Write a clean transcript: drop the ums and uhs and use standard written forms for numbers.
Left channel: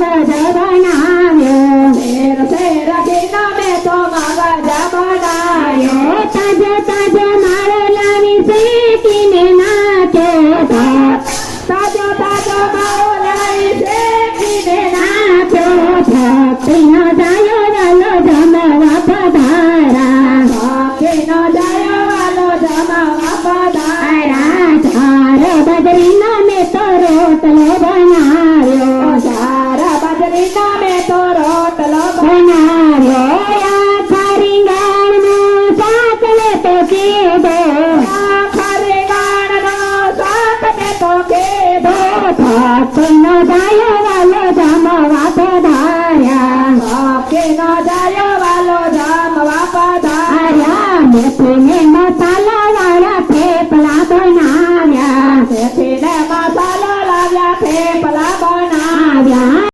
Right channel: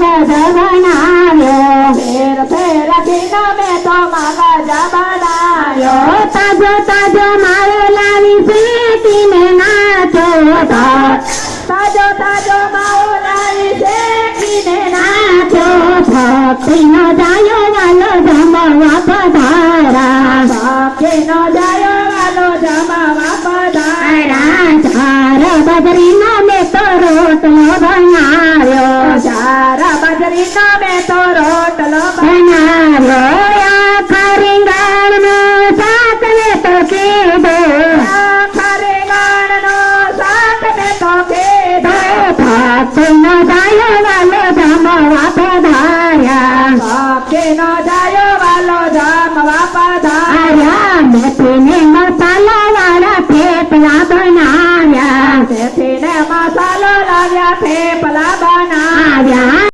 મગજ બનાવ્યો ફેર ફેરથી મેં તો મગજ બનાવ્યો તાજો તાજો માવો લાવી શેકીને નાચો તાજો તાજો માવો લાવી શેકીને નાચો ભક્તિનો જાયો વાલો જમવા પધારા ભક્તિનો જાયો વાલો જમવા પધારા ચાર બજરીનો મેં તો રોટલો બનાવ્યો ચાર બાજરીના મેં તો રોટલો બનાવ્યો આખા રીંગણનો શાક મેં તો કીધો ખરે ગાણનો શાક મેં તો કીધો ભક્તિનો જાયો વાલો જમવા પધાર્યા ભક્તિનો જાયો વાલો જમવા પધારા મેથીને